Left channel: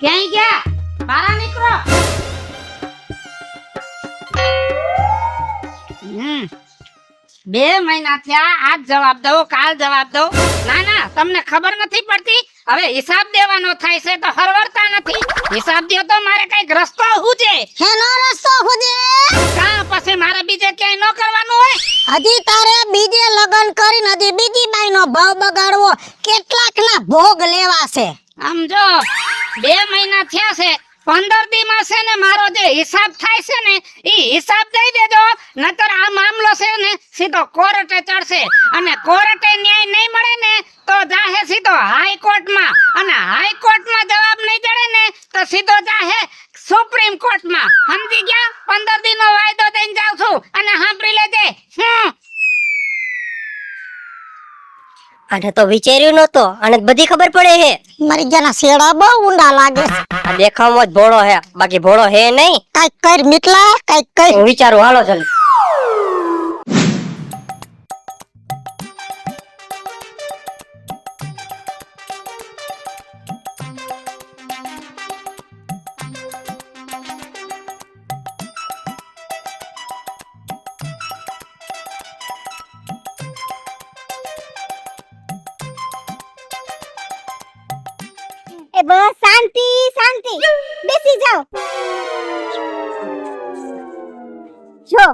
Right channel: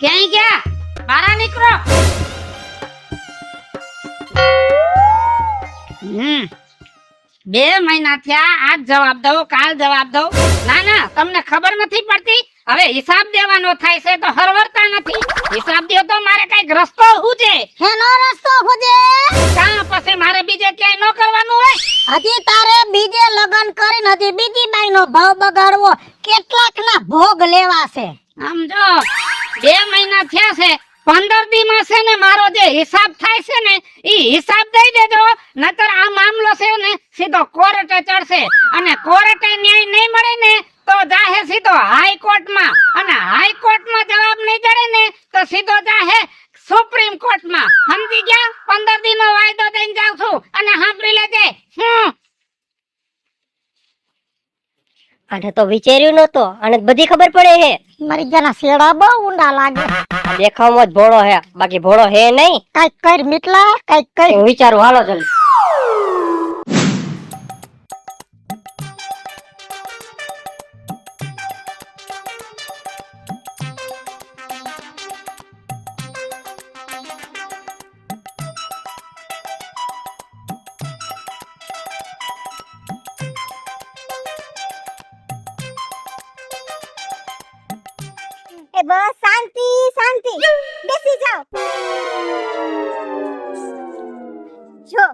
ક્યાંય ગયા? બહાર નીકળો. બે મહિના થયા, આજ જવાબ દો, કાલ જવાબ દો. ના ના, તમને ખબર નથી પડતી. હવે હિસાબ દેવાનો થાય છે તો હરવરતા નથી. હિસાબ દે તો મારે કઈક રસ્તો હુજે. હેનો રસ્તો હુજે? કાં પછી મારે બીજે ક્યાંય ન કરવાનું હોય? હજી તારે બીજે લગન કરીને હજી બીજી બાઈનો ભાવ બગાડવો, કેટલાકના ભોગ લેવા છે. સમજો, 2 મહિના થયા છે. 15 દીમાં છે ને મારો જે હિસાબ થાય છે ને ઈ હિસાબ દઈ દેજો, નકર આ મામલો છે ને સીધો કોર્ટે ચડશે. અને કોર્ટે ન્યાય નહીં મળે ને તો જાહે સીધો હાઈકોર્ટમાં, અને હાઈકોર્ટમાં જવાબ નહીં જડે ને તો સીધો જાહે સુપ્રીમ કોર્ટમાં. સમજી ગયા? 15 દીનો વાયદો દઈને જાઉં છું. અને સાંભળી લેજે, આને તો વિચાર્યું નતો, આને બધી ખબર પડે હે. મારી જાના શેડા બહુ ઊંડા લાગે. દેખાવમાં જ ભોળો હે, બાકી ભોળો હે નહીં. કઈક કર મિટલા, કઈક કર. હું વિચારું, હાલો જલ્દી. એ બસ શાંતિ શાંતિ, બેસી જાઓ. જો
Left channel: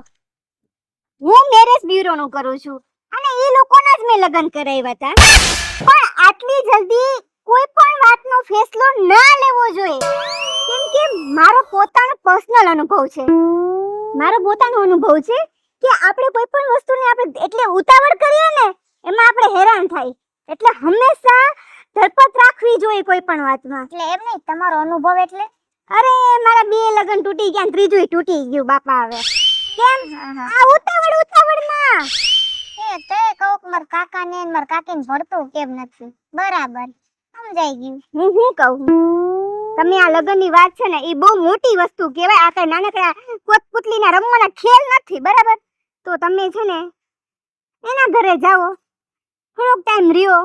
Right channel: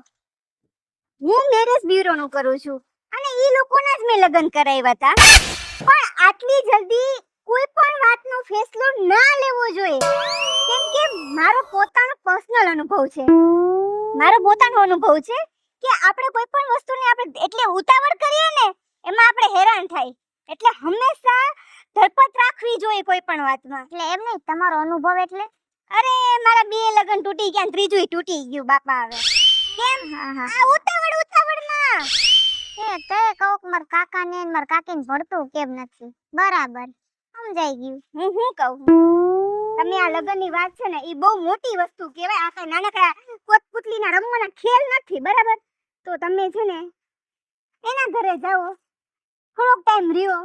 હું મેરેજ બ્યુરો નું કરું છું અને એ લોકોના જ મેં લગ્ન કરાવ્યા હતા, પણ આટલી જલ્દી કોઈ પણ વાતનો ફેસલો ના લેવો જોઈએ, કેમ કે મારો પોતાનો પર્સનલ અનુભવ છે. મારો પોતાનો અનુભવ છે કે આપણે કોઈ પણ વસ્તુને આપણે એટલે ઉતાવળ કરીએ ને એમાં આપણે હેરાન થાય, એટલે હંમેશા ધરપત રાખવી જોઈએ કોઈ પણ વાતમાં. એટલે એમ નહીં, તમારો અનુભવ એટલે? અરે મારા 2 લગન તૂટી ગયા, ત્રીજું તૂટી ગયું બાપા. હવે કેમ આ ઉતાવળમાં? એ તે કહું કે મારા કાકાને ને મારા કાકીને ભણતું કેમ નથી? બરાબર સમજાઈ ગયું. હું કહું, તમે આ લગનની વાત છે ને એ બહુ મોટી વસ્તુ કહેવાય. આ કઈ નાનકડા કોતપુતલીના રમવાના ખેલ નથી, બરાબર? તો તમે છે ને એના ઘરે જાઓ, થોડોક ટાઈમ રહ્યો,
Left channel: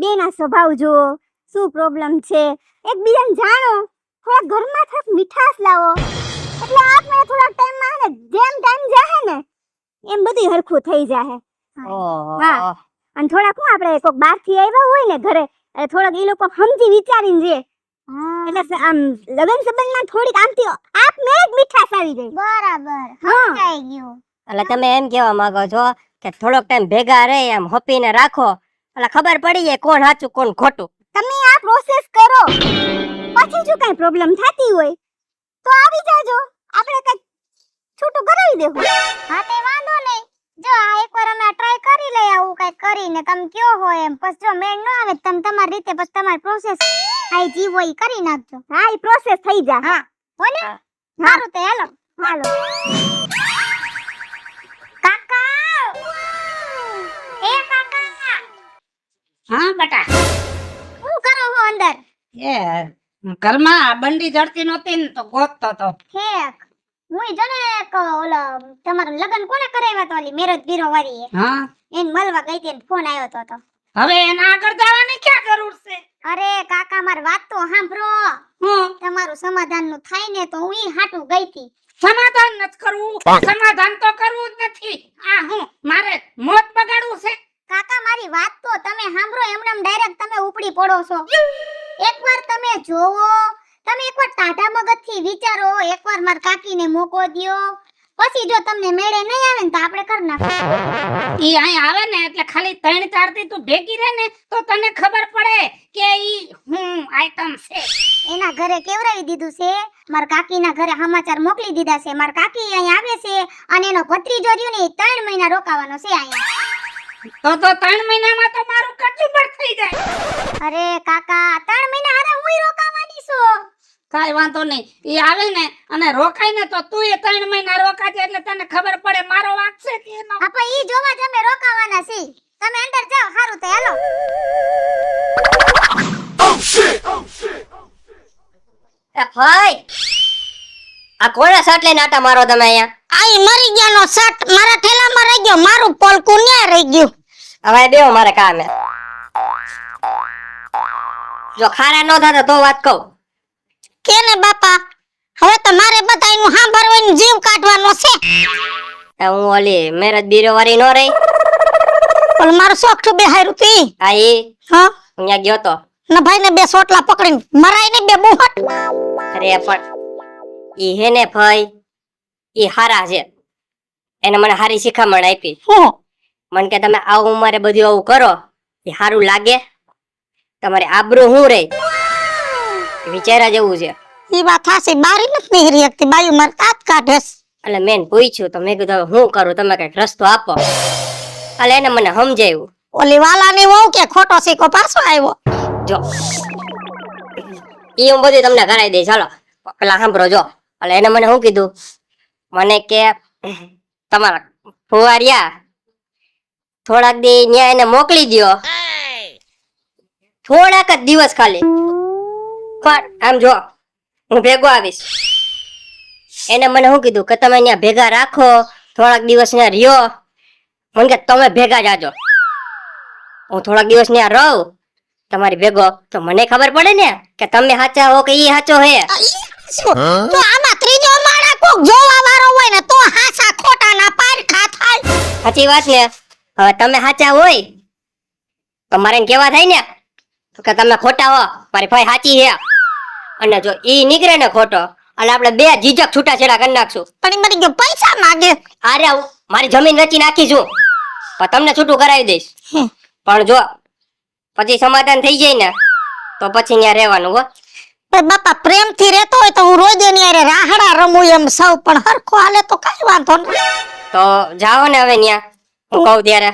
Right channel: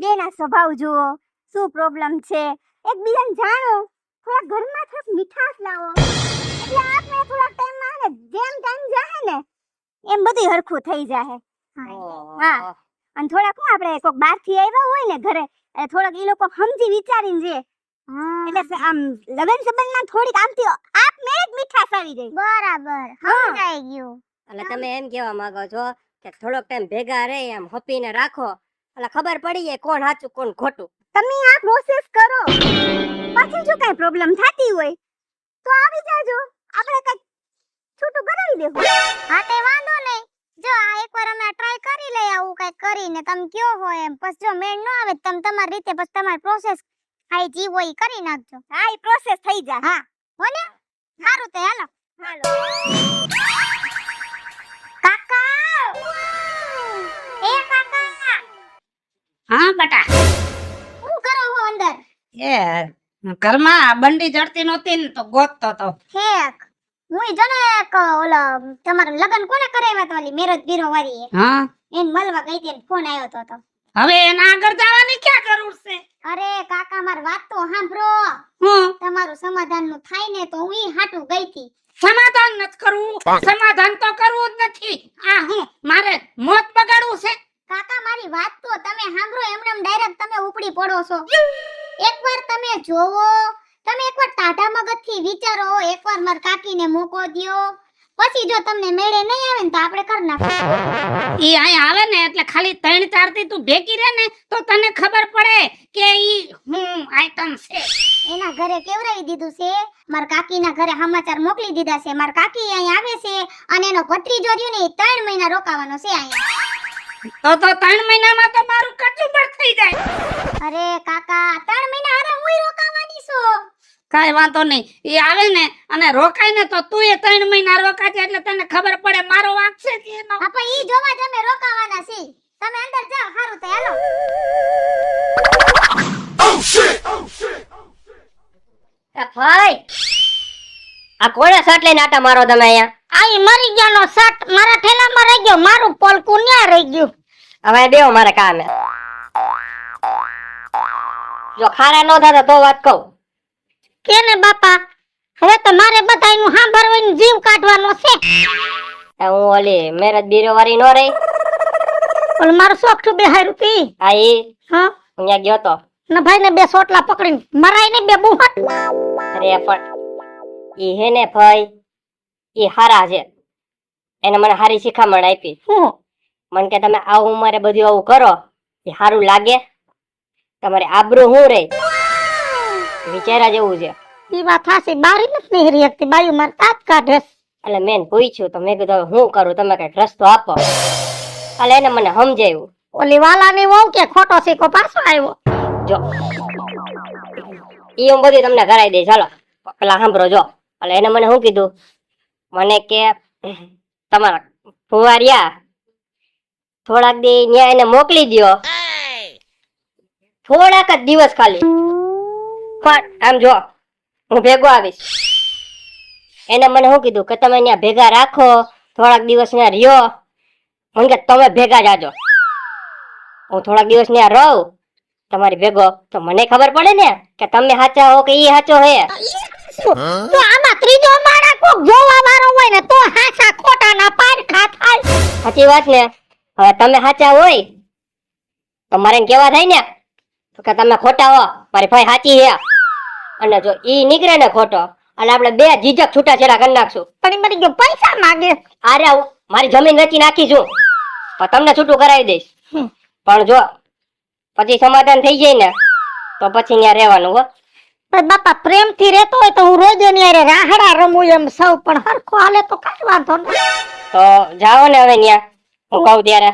બેના સ્વભાવ જુઓ, શું પ્રોબ્લેમ છે, એકબીજાને જાણો, થોડા ઘરમાં થોડીક મીઠાશ લાવો, એટલે આપણે થોડા ટાઈમમાં ને જેમ ટાઈમ જાહે ને એમ બધું હરખું થઈ જાહે. હા, અને થોડાક હું આપણે કોક બહારથી આવ્યા હોય ને ઘરે, એ થોડાક એ લોકો સમજી વિચારીને જે એટલે આમ લગન સંબંધમાં થોડીક આમથી આપને જ મીઠાશ આવી જાય. બરાબર સમજાઈ ગયું. એટલે તમે એમ કહેવા માંગો છો કે થોડોક ટાઈમ ભેગા રહી એમ હોપીને રાખો, એટલે ખબર પડી જાય કોણ સાચું કોણ ખોટું. તમે આ પ્રોસેસ કરો, પછી જો કઈ પ્રોબ્લેમ થતી હોય તો આવી જાજો, આપણે કઈ છૂટું કરાવી દેવું. હા તે વાંધો નહીં. જો આ એકવાર અમે ટ્રાય કરી લઈ, આવું કઈ કરીને તમે કયો હોય એમ, પછી જો મેળ ન આવે તમે તમારી રીતે પછી તમારી પ્રોસેસ આઈ જી હોય કરી નાખજો. હા ઈ પ્રોસેસ થઈ જા. હા હો ને? સારું તે હાલો હાલો. કાકા, એ કાકા. હા બેટા, શું કરો છો અંદર? એ ઘરમાં બંડી જડતી નહોતી ને તો ગોતતો તો. ઠેક, હું જો ને એક ઓલા તમારા લગન કોને કરાવ્યા તો ઓલી મેરેજ બ્યુરો વાળી હા, એને મળવા ગઈ હતી, ફોન આવ્યો તો. હવે એના આગળ જવાની ક્યાં જરૂર છે? અરે કાકા મારી વાત તો સાંભળો. તમારું સમાધાન નું થાય ને તો હું ઈ હાટું ગઈ હતી. સમાધાન નથી કરવું, સમાધાન તો કરવું જ નથી. આ હું મારે મોત બગાડવું છે? કાકા મારી વાત તો તમે સાંભળો, એમનેમ ડાયરેક્ટ તમે ઉપડી પડો છો. એકવાર તમે જોવો, તમે એકવાર ટાઢા મગજથી વિચારો, એકવાર માર કાકીને મોકો દ્યો, પછી જો તમને મેળે નહીં આવે ને તો આપણે કર નાખીએ. ઈ અહીં આવે ને એટલે ખાલી 3-4 દી તું ભેગી રહે ને તો તને ખબર પડે કે ઈ હું આઈટમ છે. એના ઘરે કેવરાવી દીધું છે, માર કાકીના ઘરે સમાચાર મોકલી દીધા છે. માર કાકી અહીં આવે છે અને એનો ભત્રીજો રહ્યો ને 3 મહિના રોકાવાનો છે અહીંયા. તો 3 મહિનામાં તો મારું કચુંબર થઈ જાય. અરે કાકા 3 મહિના હારે હુંય રોકાવાની છું. કાઈ વાંધો નહીં, ઈ આવે ને અને રોકાય ને તો તું એ 3 મહિના રોકાજે એટલે તને ખબર પડે મારો વાંક છે કે એનો. આપા ઈ જોવા જ અમે રોકાવાના છીએ. તમે અંદર જાઓ, હારું તો હાલો. એ ભાઈ, આ કોણે શર્ટ લઈને આટા મારો તમે અહીંયા? આઈ મરી ગયાનો શર્ટ મારા ઠેલામાં રહી ગયો, મારું પોલકું ન્યા રહી ગયું. હવે બેહો, મારે કામ હે. જો ખારા ન થાતા તો વાત કહું, કે ને બાપા હવે તો મારે બધાયનું સાંભળવાનું જીવ કાઢવાનો છે. હું ઓલી મેરેજ બીરો વાળી નો રહી પણ મારું સોખું બેહાર્યું તી આ ઈ હા અહીંયા ગયો તો ના ભાઈ ને બે સોટલા પકડીને મરાય ને બે બુહટ. અરે પણ ઈ હે ને ભાઈ ઈ હારા છે એને મને હારી શિખામણ આપી હું મને કે તમે આ ઉંમરે બધું આવું કરો એ સારું લાગે તમારી આબરૂ હું રે વિચારા જેવું છે ઈ વાત થાશે બારી નથી નીહરી એકતી બાયુ માર તાત કાઢેસ. એટલે મેં પૂછ્યું તો મેં કીધું હવે હું કરું તમે કઈક રસ્તો આપો એટલે એને મને સમજાવ્યું ઓલી વાલાની વહુ કે ખોટો સિક્કો પાછો આવ્યો. જો ઈ હું બધું તમને કરાવી દઈશ ચાલો પેલા સાંભળો જો એટલે એને મને શું કીધું મને કે તમારા ફુવારિયા થોડાક દી ન્યા એને મોકલી દ્યો થોડાક જ દિવસ ખાલી પણ આમ જો હું ભેગો આવીશ એને મને શું કીધું કે તમે ત્યાં ભેગા રાખો થોડાક દિવસ ત્યાં રહ્યો મને કે તમે ભેગા જાજો હું થોડાક દિવસ ત્યાં રહું તમારી ભેગો તો મને ખબર પડે ને કે તમે સાચા હો કે ઈ સાચો હે તો આમાં ત્રીજો માણા કોક જોવા વાળો હોય ને તો હાસા ખોટા ના પારખા થાય. સાચી વાત ને હવે તમે સાચા હોય તો મારે એને કેવા થાય ને કે તમે ખોટા હો મારી ભાઈ સાચી હે અને જો ઈ નીકળે ને ખોટો એટલે આપણે બે જીજક છૂટાછેડા કરી નાખશું. પણ મરી ગયો પૈસા માંગે. અરે હું મારી જમીન વેચી નાખીશું પણ તમને છૂટું કરાવી દઈશ પણ જો પછી સમાધાન થઈ જાય ને તો પછી ત્યાં રહેવાનું હો. પણ બાપા પ્રેમથી રહેતો હોય તો હું રોજ એની હારે રાહડા રમું એમ સૌ પણ હરખો હાલે તો કઈ વાંધો નહીં. તો જાઓ ને હવે ત્યાં હું કહું ત્યારે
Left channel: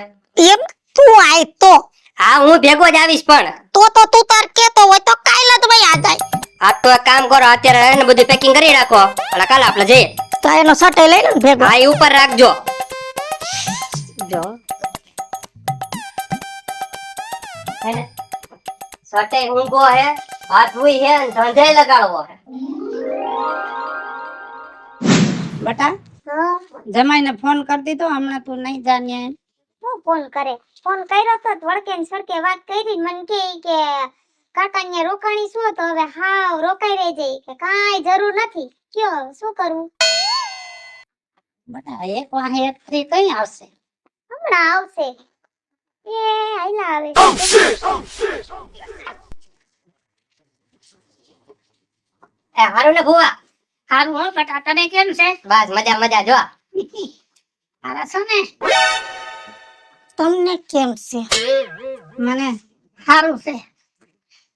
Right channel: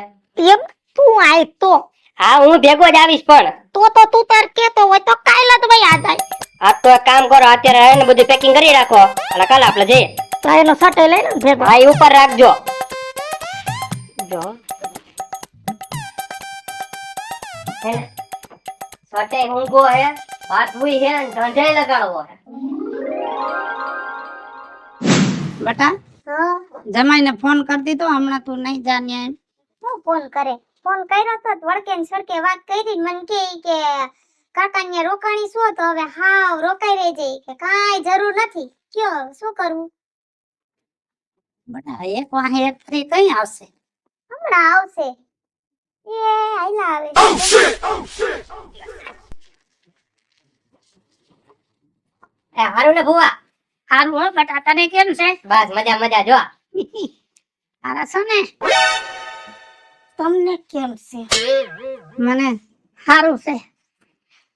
એમ તું આય તો હા હું ભેગો જ આવીશ પણ તું તાર કેતો હોય તો કાલ જ ભાઈ આ જાય. આ તો એક કામ કરો અત્યારે એને બધું પેકિંગ કરી રાખો એટલે કાલે આપણે જઈએ. તો એનો સટે લઈને ભેગો હા એ ઉપર રાખજો જો હે સટે ઊંઘો હે હાથ હુઈ હે ને ધંધે લગાડવો હે. બેટા હા જમાઈને ફોન કરી દીધો હમણાં તું નહીં જાણ્યા એમ. હું ફોન કરે ફોન કર્યો તો વળકે ને સરકે વાત કરી મને કે કાકા ને રોકાણી શું તો હવે હાવ રોકાઈ રહી જઈ કે કાઈ જરૂર નથી કયો શું કરવું. બેટા એક વાહે એક ફ્રી કઈ આવશે. હમણાં આવશે એ આઈલા આવે. એ હારું ને ભુવા સારું હો બેટા તને કેમ છે. બસ મજા મજા જો તારા છે ને તમને કેમ છે. મને સારું છે.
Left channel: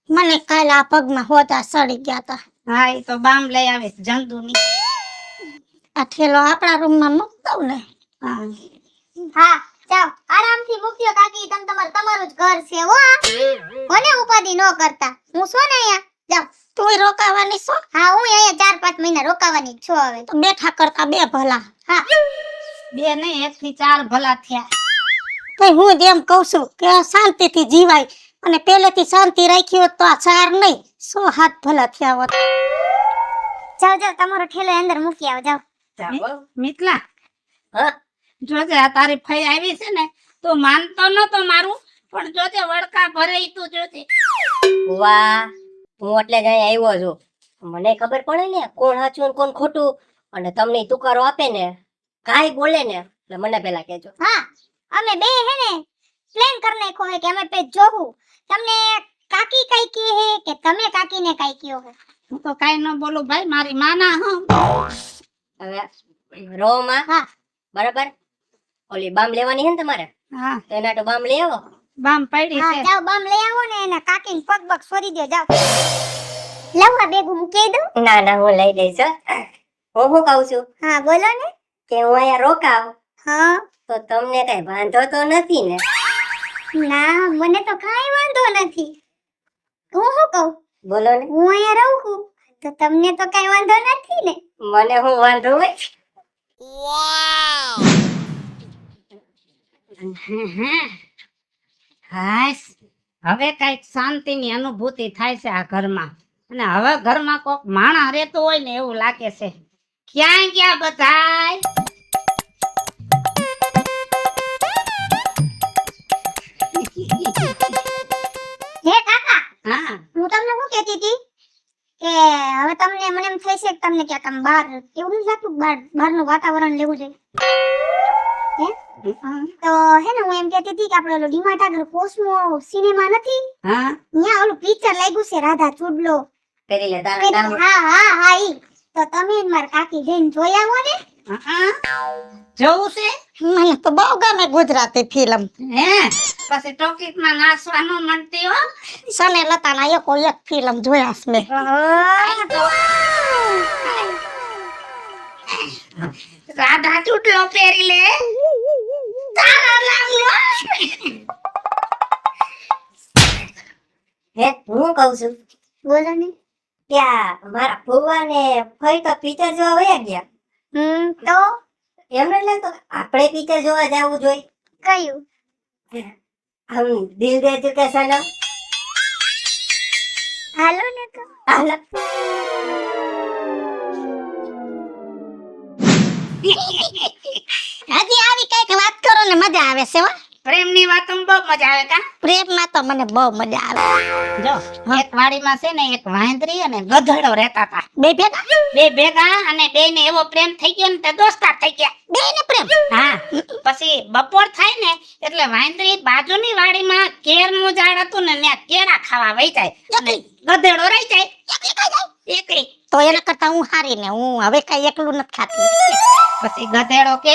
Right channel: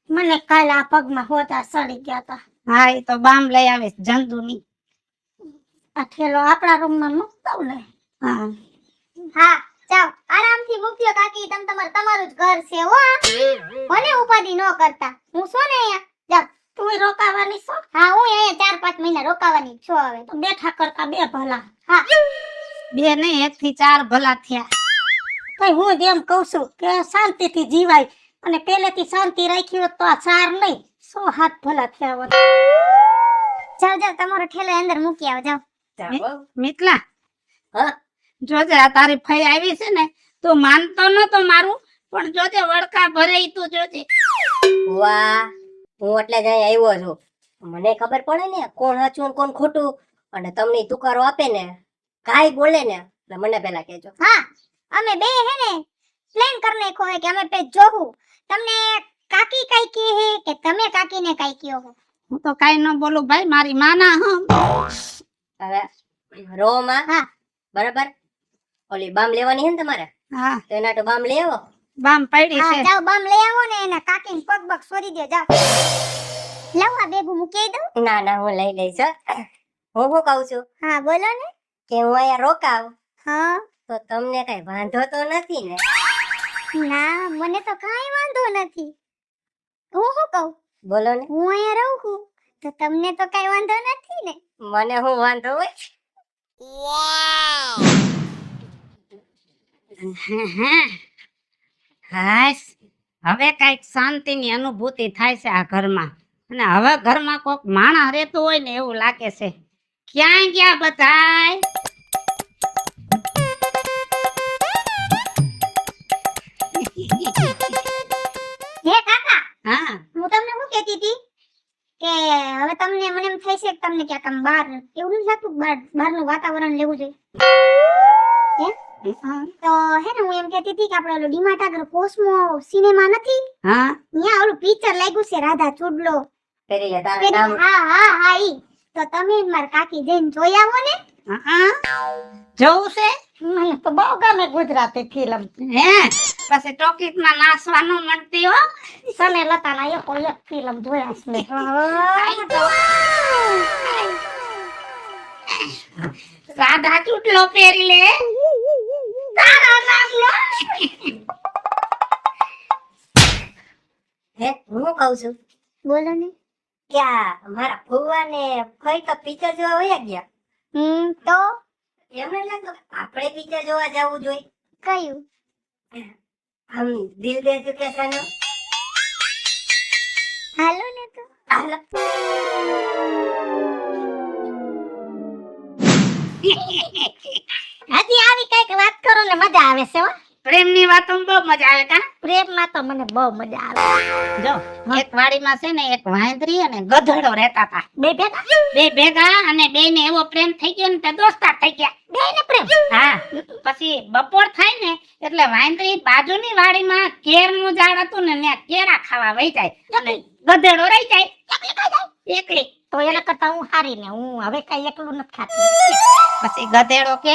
મને કાલ આ પગમાં હોતા સડી ગયા તા. હા એ તો બામ લઈ આવીશ જંતુની. આ ઠેલો આપણા રૂમમાં મૂક દઉં ને. હા હા જાવ આરામથી મૂક્યો કાકી તમારું જ ઘર છે હો. મને ઉપાધિ ન કરતા હું શું ને અહીંયા જાવ તું રોકાવાની છો. હા હું અહીંયા 4-5 મહિના રોકાવાની જ છું હવે તો બેઠા કરતા બે ભલા. હા બે નહીં 1 થી 4 ભલા થયા. તો હું જેમ કહું છું કે શાંતિથી જીવાય અને પહેલેથી શાંતિ રાખી હોત તો આ 4 નહીં 100 ભલા થયા હોત. જાવ તમારો ઠેલો અંદર મૂકી આવો જાવ. મિતલા હા જોજે આ તારી ફઈ આવી છે ને તું માનતો નતો મારું પણ જોજે વડકા ભરે ઈ તું જોજે. વાહ હું એટલે જ અહીંયા આવ્યો છું મને ખબર પડે ને કોણ સાચું ને કોણ ખોટું અને તમને ઈ તુકારો આપે ને કાઈ બોલે ને એટલે મને પેલા કહેજો. હા અમે બે હે ને પ્લાન કરી નાખ્યો હે કે અમે પે જોવું તમને કાકી કાઈ કહે હે કે તમે કાકીને કાઈ કયો હે. હું તો કાઈ ન બોલું ભાઈ મારી માના હું. હવે રો માં હા બરાબર ઓલી બામ લેવાની છે ને તમારે હા તો એના તો બામ લઈ આવો. બામ પડી હા છે. જાવ બામ લઈ આવો ને એના કાકીને પગ પગ સોરી દો જાવ. લાવવા બેગું મૂકી દઉં. ના ના હું લઈ લઈશ હો. હું શું કહું છું હા બોલો ને. કે હું અહીંયા રોકાવ હા તો તમને કઈ વાંધો તો નથી ને. ના મને તો કાઈ વાંધો નથી. હું શું કહું બોલો ને હું અહીંયા રહું છું તો તમને તો કાઈ વાંધો નથી ને. મને હું વાંધો હોય હાશ હવે કઈક શાંતિની અનુભૂતિ થાય છે આ ઘરમાં અને હવે ઘરમાં કોક માણસ રહેતો હોય ને એવું લાગે છે. ક્યાં ગયા બધાય. હે કાકા હા હું તમને શું કહેતી હતી કે હવે તમને થાય છે કે તમને ક્યાંક આમ બહાર એવું નથી લાગતું બહારનું વાતાવરણ લેવું જોઈએ હે તો હે ને હું એમ કહેતી હતી કે આપણે ઓલો ડીમાર્ટ આગળ કોસ્મો સિનેમા નથી હા ત્યાં ઓલું પિક્ચર લાગ્યું છે રાધા ચુડલો કરી લે તારું કામ. હા ઈ તો તમે જ મારા કાકી જઈને જોઈ આવો ને જોવું છે મને તો બહુ ગમે ગુજરાતી ફિલ્મ હે પછી ટોકીસમાં નાચવાનું મળતી હો સને લતાના એક ફિલ્મ જોયા છે મેં રાધા ચૂટલો પહેરી લે તારા નામનો હે હું કહું છું બોલો ને ત્યાં મારા ફુવા ને ફઈ તો પિક્ચર જોવા વયા ગયા તો એમ નથી લાગતું આપણે પિક્ચર જોવા જવું જોઈએ કયું આમ દિલ દે ચુકે સનમ હાલો ને તો હાલો. હજી આવી કઈક વાત કરો ને મજા આવે છે હો. પ્રેમની વાતોમાં બહુ મજા આવે કા પ્રેમમાં તો મને બહુ મજા આવે જો એક વાડીમાં છે ને એક વાંદરી અને ગધેડો રહેતા હતા બે ભેગા અને બેયને એવો પ્રેમ થઈ ગયો ને તે દોસ્તાર થઈ ગયા બેયને પ્રેમ હા પછી બપોર થાય ને એટલે વાંદરી બાજુની વાડીમાં કેરનું ઝાડ હતું ને ત્યાં કેળા ખાવા વહી જાય અને ગધેડો રહી જાય એકલી તો એને કરતા હું હારી ને હું હવે કઈ એકલું નથી ખાતી પછી ગધેડો કે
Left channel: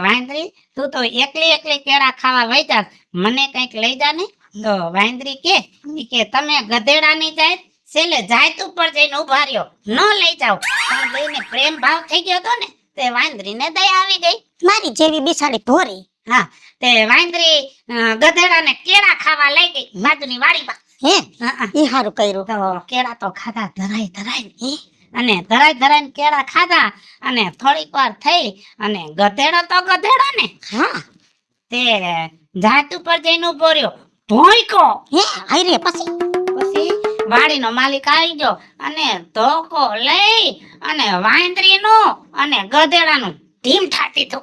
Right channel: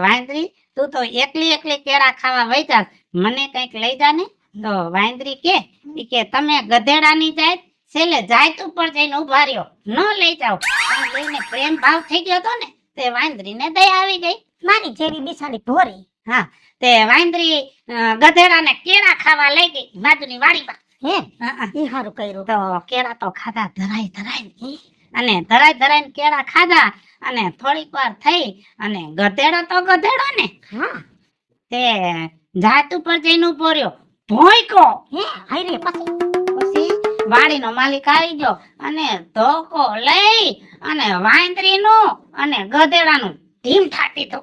વાંદરી તું તો એકલી કેળા ખાવા વહી જા મને કઈક લઈ જા ને તો વાંદરી કે તમે ગધેડાની જાય છેલ્લે જાય તું પર જઈને ઉભા રહ્યો ન લઈ જાવ પણ બેયને પ્રેમ ભાવ થઈ ગયો તો ને તે વાંદરીને દયા આવી ગઈ મારી જેવી બિસાડી ભોરી હા તે વાંદરી ગધેડાને કેળા ખાવા લઈ ગઈ બાજુની વાડીમાં હે હા ઈ હારું કર્યું તો કેળા તો ખાધા ધરાઈ અને ધરાઈને કેળા ખાધા અને થોડીક વાર થઈ અને ગધેડો તો ગધેડો ને હા તે જાત ઉપર જઈને ઉભો રહ્યો ભોંયકો હે હાયરે પછી પછી વાડીનો માલિક આવી ગયો અને ધોકો લઈ અને વાંદરીનો અને ગધેડાનું ઢીમ ઠાતી તો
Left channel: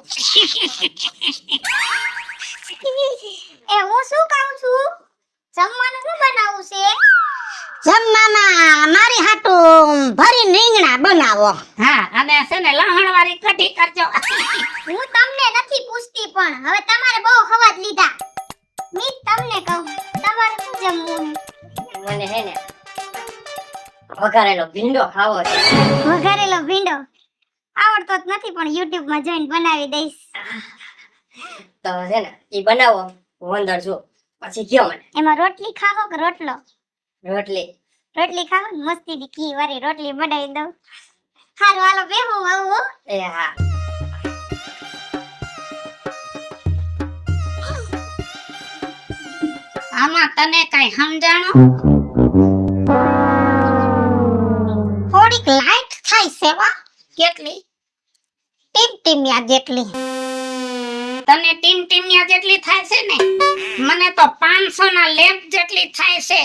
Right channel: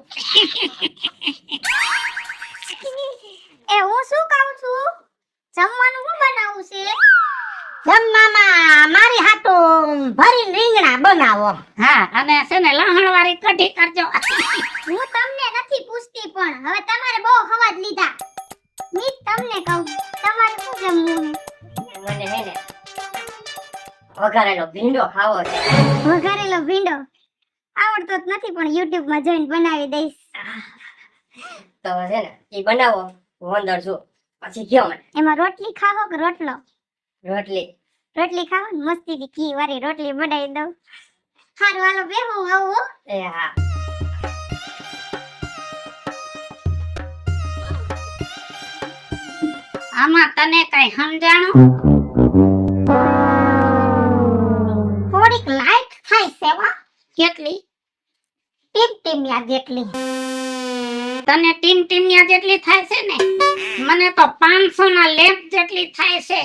એ હું શું કહું છું જમવાનું શું બનાવું છે જમવામાં મારી હાટું ભરી રીંગણા બનાવો હા અને છે ને લહણ વાળી કઢી કરજો હું તમને નથી પૂછતી પણ હવે તમારે બહુ હવાજ લીધા મી તમને કહું તમારે શું જમવું મને હે ને વઘારેલો ભીંડો ખાવો છે વઘારેલો ભીંડો આવડતો જ નથી પણ YouTube માં જોઈને બનાવી દઈશ તો છે ને ઈ બનાવો હું અંદર છું પછી કયો મને એમાં રોટલી ખાવો કે રોટલો રોટલી રોટલી ખાવો ને મસ્તીથી ઘી વાળી રોટલી બનાવી દઉં હારું હાલો બેહું આવું હો. એ હા આમાં તને કઈ સમજાણું થોડીક લાઈટ થાય છે વા કેટલી ટીમટિમિયા જેટલી તને ટીમટિમિયા જેટલી થાય છે ને મને તો 500 ના લેપ જેટલી થાય છે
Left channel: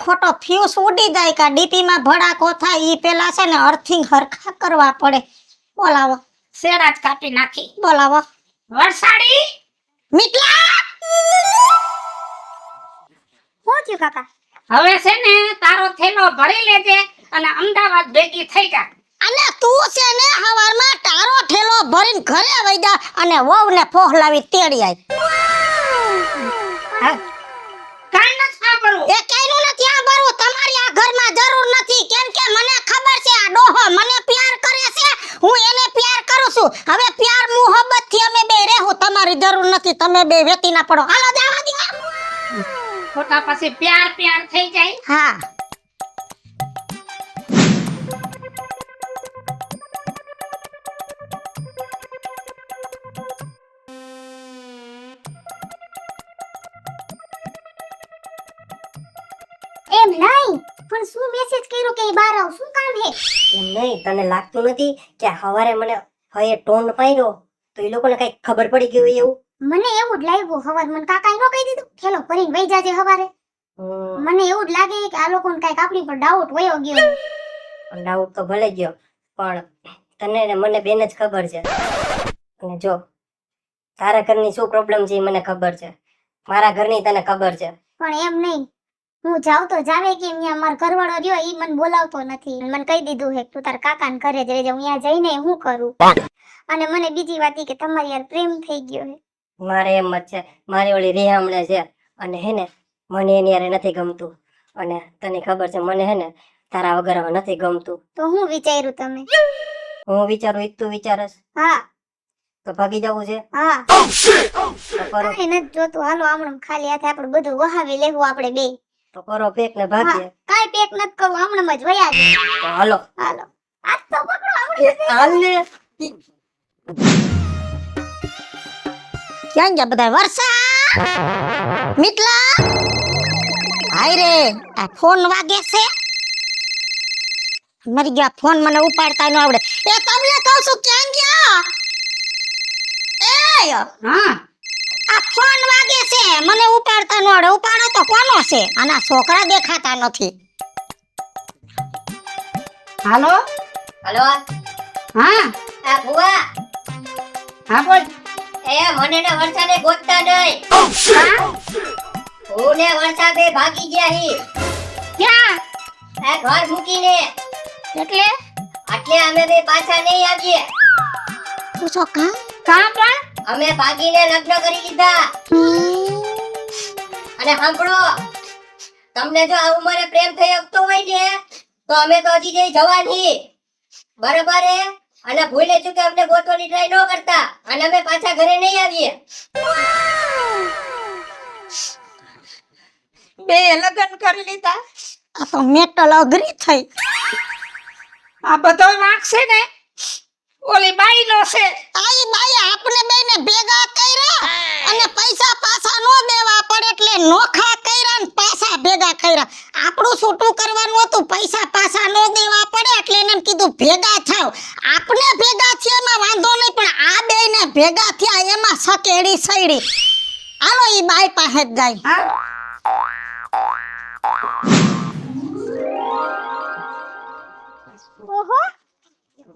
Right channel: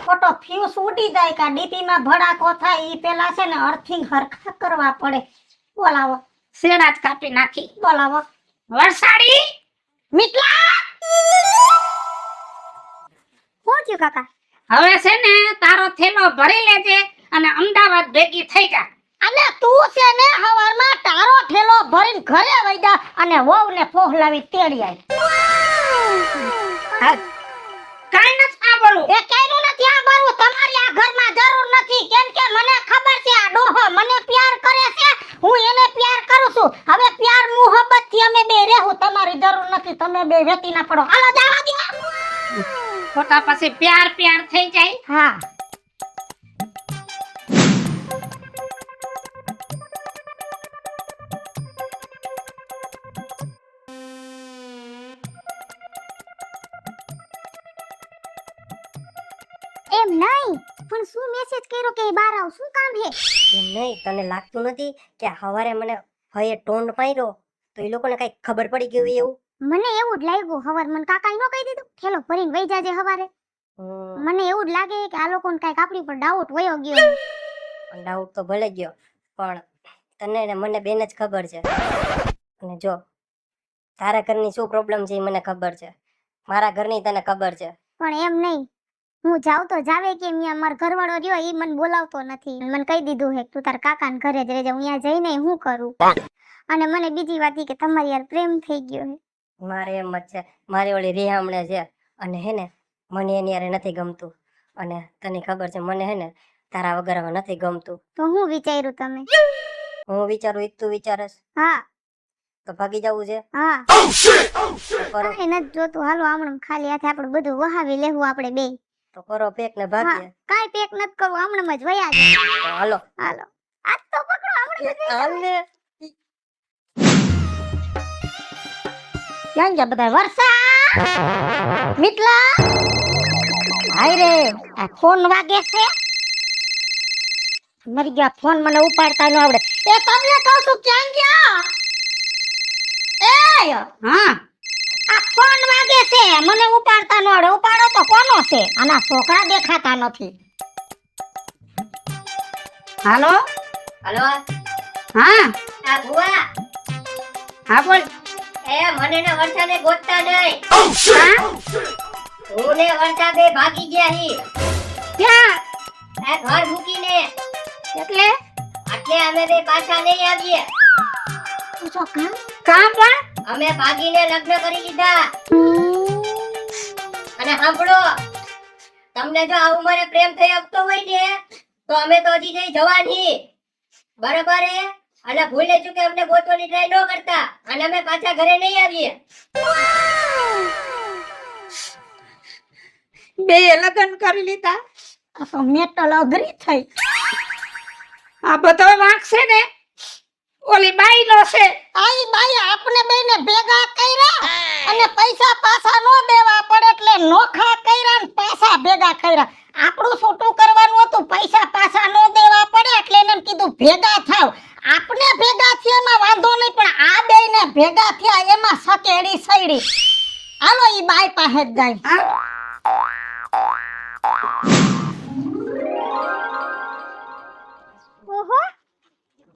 ખોટો ફ્યુઝ ઉડી જાય કે ડીપી માં ભડાકો થાય ઈ પેલા છે ને અર્થિંગ હરખા કરવા પડે બોલાવો શેડા જ કાપી નાખી બોલાવો વરસાડી મીટલા શું થયું કાકા હવે છે ને તારો થેલો ભરી લેજે અને અમદાવાદ ભેગી થઈ જા અને તું છે ને હવારમાં તારો ઠેલો ભરીને ઘરે વઈ જા અને વહુને ફોહલાવી તેડી આય કાઈ ન સાંભળું એ કઈનું નથી આ બરું તમારી આ ઘરમાં જરૂર નથી કેમ કે મને ખબર છે આ ડોહો મને પ્યાર કરે છે હું એને પ્યાર કરું છું હવે પ્યાર મોહબ્બત થી અમે બે રહેવું તમારી જરૂર નથી તમે બે વેતી ના પડો હાલો જાવા દે ખોટા પછી પ્યાર થઈ જાય હા એમ નહીં પણ શું મેસેજ કર્યો કે બહાર આવ શું કામ હે એમ નહીં તને લાગતું નથી કે હવારે મને હયે ટોન પાડ્યો તો એ લોકોને કઈ ખબર પડી ગઈ હોય એવું મને એવું જ લાગ્યું હવાર મને કાકાએ નો કહી દીધું થેલો ભરીને વઈ જાજે હવારે મને એવું જ લાગે કે આ લોકોને કાંઈક આપણી પર ડાઉટ વયો ગયો ડાઉટ તો ભલે ગયો પણ તને ને મને બેન જ ખબર છે અને જો તારા ઘરની શું પ્રોબ્લેમ છે એ મને ખબર છે મારા ઘરની તને ખબર છે પણ એમ નહીં હું જાઉં તો જાવે કે અહીંયા મારો ઘરવાળો રહ્યો ઈ મને બોલાવતો નથી. મને કહી દીધું હે તું તાર કાકાના ઘરે જ રહેજે. હું અહીંયા જઈને હું કરું? અને મને બીજી વાત ઈ કે તમારી યાર પ્રેમ થઈ ગયો હે. મારે એમ જ છે, મારી ઓલી રિહામણે છે અને હે ને મને એની હારે નથી ગમતું. અને તને ખબર છે મને હે ને તારા વગર હવે નથી ગમતું. તો હું વિચાર્યું તમે? હું વિચારું ઈ જ તું વિચારસ હા તો ભાગી જવું છે હા તો કરો કાંઈ નથી જોતું. હાલો આમણું ખાલી હાથે આપણે બધું વહાવી લેવું આપણે બે. તો કરો પેક ને ભાગીએ. કાંઈ પેક નથી કરવું, આમણમાં જ વયા જાય. તો હાલો હાલો આજ તો પકડો આમણું. હાલ ને ક્યાં ગયા બધા? વર્ષા, મિતલા, હાય રે, આ ફોન વાગે છે. મરી ગયા ફોન, મને ઉપાડતા ન આવડે. એ તમને કહું છું ક્યાં ગયા? એ હા આ ફોન વાગે છે, મને ઉપાડતા ન આવડે. ઉપાડો તો કોનો છે? આના છોકરા દેખાતા નથી. હાલો હાલો હા આ ભુવા હા બોલ. એ મને ને વર્ષાને ગોતતા નહીં. હું ને વર્ષા બે ભાગી ગયા હી ક્યાં? આ ઘર મૂકીને. એટલે એટલે અમે બે પાછા નહીં આવીએ. પૂછો કા? કામ પણ અમે ભાગીને લગ્ન કરી લીધા. અને સાંભળો, તમને જો આ ઉંમરે પ્રેમ થઈ શકતો હોય ને તો અમે તો હજી જઈ જવાની બરાબર હે. અને ભૂલે ચૂકે અમને ગોતવાની ટ્રાય ન કરતા. અને અમે પાછા ઘરે નહીં આવીએ. બે લગ્ન કરી લીધા. આ તો મેટલ અઘરી થઈ. આ બધો વાંક છે ને ઓલી બાઈ નો છે. આઈ બાઈ આપણે બેને ભેગા કર્યા અને પૈસા પાછા નો દેવા પડે એટલે નોખા કર્યા ને પાછા ભેગા કર્યા. આપણું છૂટું કરવાનું હતું, પૈસા પાછા નો દેવા પડે એટલે એને કીધું ભેગા થાવ. આપણે ભેગા થયા એમાં વાંધો નહીં, પણ આ બેને ભેગા થયા એમાં સકેડી સૈડી. હાલો ઈ બાઈ પાસે જ જાય. ઓહો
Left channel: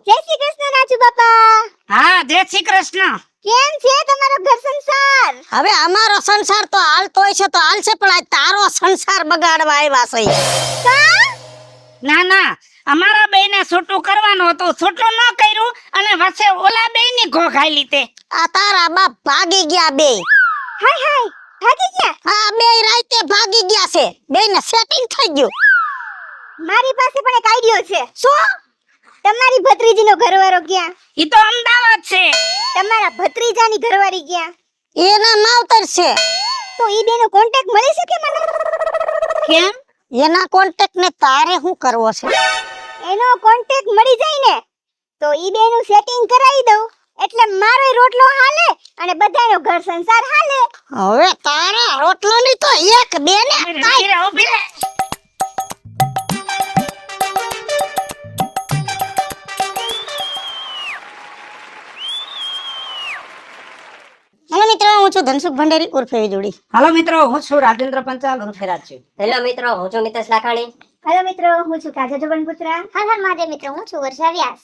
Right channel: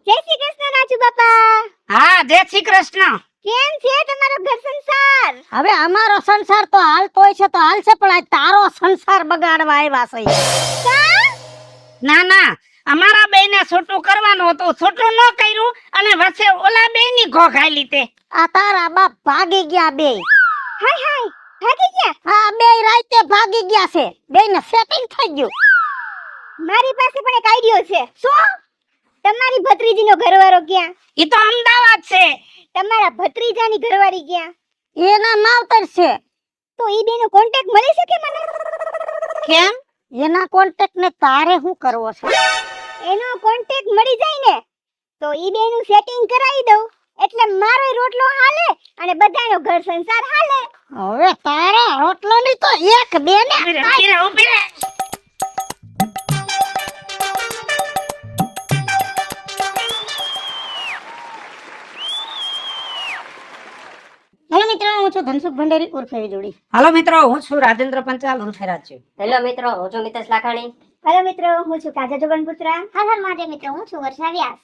જય શ્રી કૃષ્ણ રાજુ બાપા. હા જય શ્રી કૃષ્ણ. કેમ છે તમારો ઘર સંસાર? હવે અમારો સંસાર તો હાલતો હોય છે તો હાલશે, પણ આ તારો સંસાર બગાડવા આવ્યા છે. કા? ના ના અમારા બેને છૂટું કરવાનું હતું, છૂટું ન કર્યું અને વચ્ચે ઓલા બેની ઘોઘાઈ લીધે. આ તારા બાપ ભાગી ગયા બે. હાય હાય ભાગી ગયા. હા બે રાતે ભાગી ગયા છે. બેને સેટિંગ થઈ ગયું. મારી પાસે પણ એક આઈડિયો છે. શું? તમારી ભત્રીજીનો ઘરવાળો ક્યાં? ઈ તો અમદાવાદ છે. તમારા ભત્રીજાની ઘરવાળી ક્યાં? એના માવતર છે. તો ઈ બેનો કોન્ટેક્ટ મળી શકે મને? કેમ? એના કોન્ટેક્ટ ને તારે શું કરવો છે? એનો કોન્ટેક્ટ મળી જાય ને તો ઈ બેનું સેટિંગ કરાવી દઉં એટલે મારો રોટલો હાલે અને બધાનો ઘર સંસાર હાલે. હવે તારા રોટલો ની તો એક બે ને ઉભી રહે, ઉભી રહે. હેલો મિત્રો, હું છું ધનસુખ ભંડેરી ઉર્ફે જોડી. હાલો મિત્રો, હું છું રાજેન્દ્ર પંચાલ ઉર્ફે રાજુ. હેલો મિત્રો, હું છું મિતેશ લાખાણી. હેલો મિત્રો, હું છું કાજલ જબનપુત્રા. હાલ માટે મિત્રો હું છું વર્ષા વ્યાસ.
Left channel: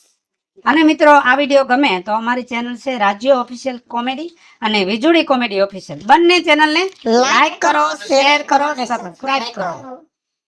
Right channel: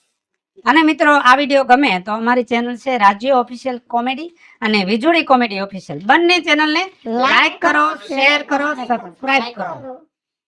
અને મિત્રો આ વિડીયો ગમે તો અમારી ચેનલ છે રાજ્ય ઓફિશિયલ કોમેડી અને વીજળી કોમેડી ઓફિશિયલ. બંને ચેનલને લાઈક કરો, શેર કરો અને સબસ્ક્રાઇબ કરો.